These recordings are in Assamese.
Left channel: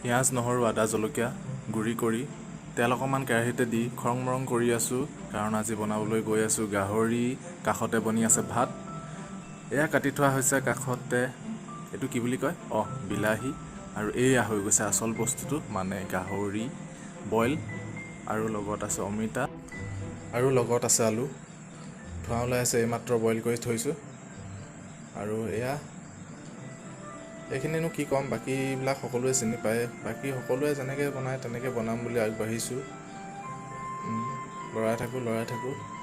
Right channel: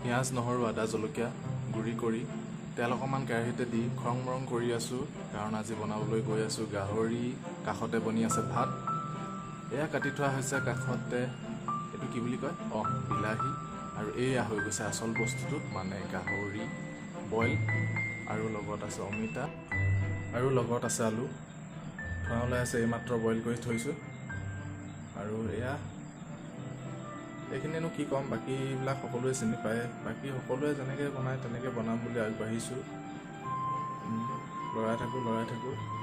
পিঁয়াজ নহৰু আদা জলকীয়া গুড়ি কৰি তেল অকণমান কেৰাহীতে দি খৰং মৰং কৰি আছোঁ, কাৰণ আজি বনাবলৈ গৈ আছোঁ গাহৰি। কাষতে বনি আছে ভাত। এয়া কাটি থোৱা হৈছে কাষতে, এইটো কি বুলি কয়, বিলাহী। আৰু এয়া হৈ গৈছে আচল বস্তুটো, মানে গাহৰি বইল। আৰু লগত আছে অমিতা, আৰু লগত আছে আলু। ধোঁৱা ওলাই আছে, এইমাত্ৰ বইল কৰি থৈছোঁ। আৰু এয়া এইখিনিনো কি ক'ম, বাকীবিলাক সকলোৱে চিনি পায়। বাকী সকলোৱে যেনেকৈ বনায় তেনেকৈ বনাম বুলি আগবাঢ়িছোঁ।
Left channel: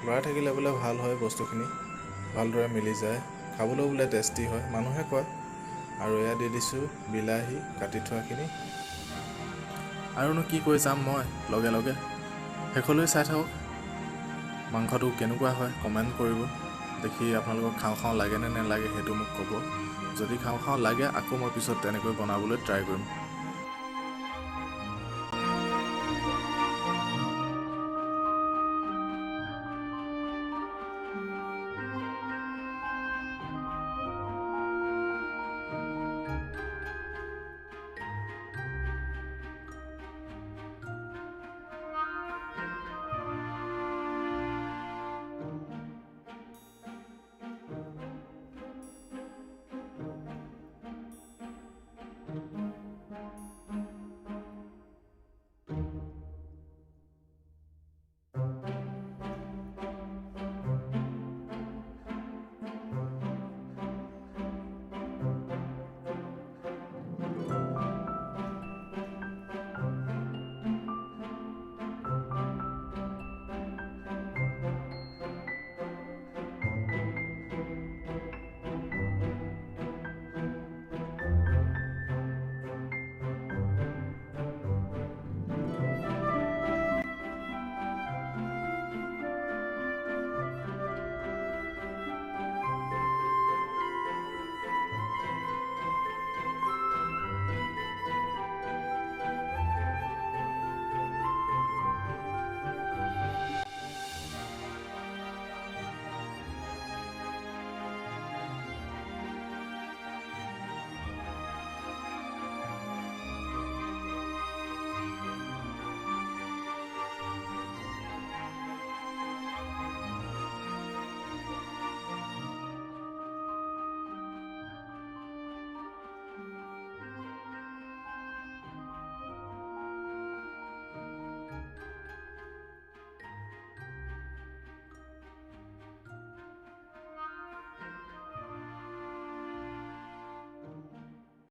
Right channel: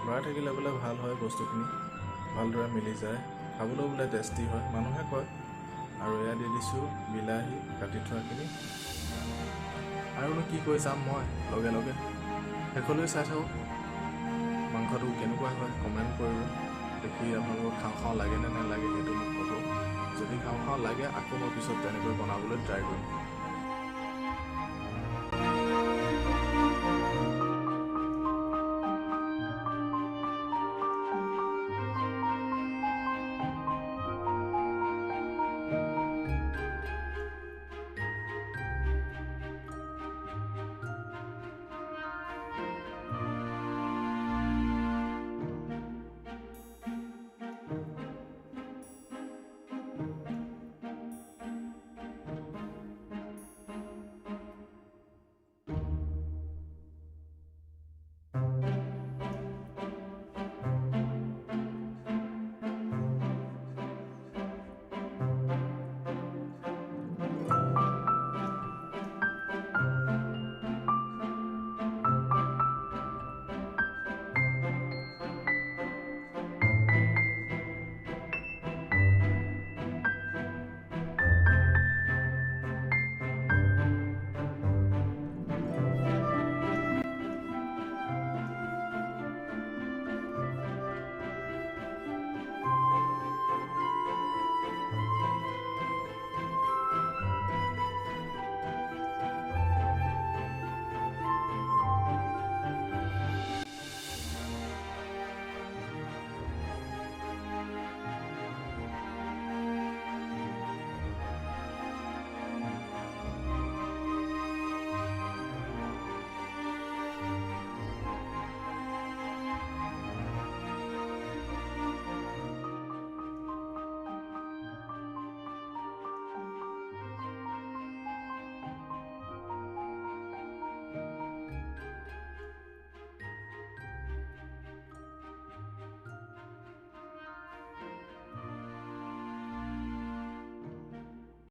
লৰাই থাকিলে বোলে ভাল হয়, বস্তুখিনি ভালদৰে মিলি যায়, খাবলৈও বোলে টেষ্টি হয়, মানুহে কয়। আৰু এয়া দি দিছোঁ বিলাহী কাটি থোৱাখিনি। আৰুনো কি কৈ যাম মই, লগে লগে শেষলৈ চাই থাকক। মাংসটো কেনেকুৱা হয় কমেণ্ট কৰিব। দেখি আপোনালোকক খাওঁ লাগেনে নালাগে সেইটো মোক ক'ব। যদি খাওঁ লাগে আকৌ মই পিছত তেনেকৈ বনাবলৈ ট্ৰাই কৰিম।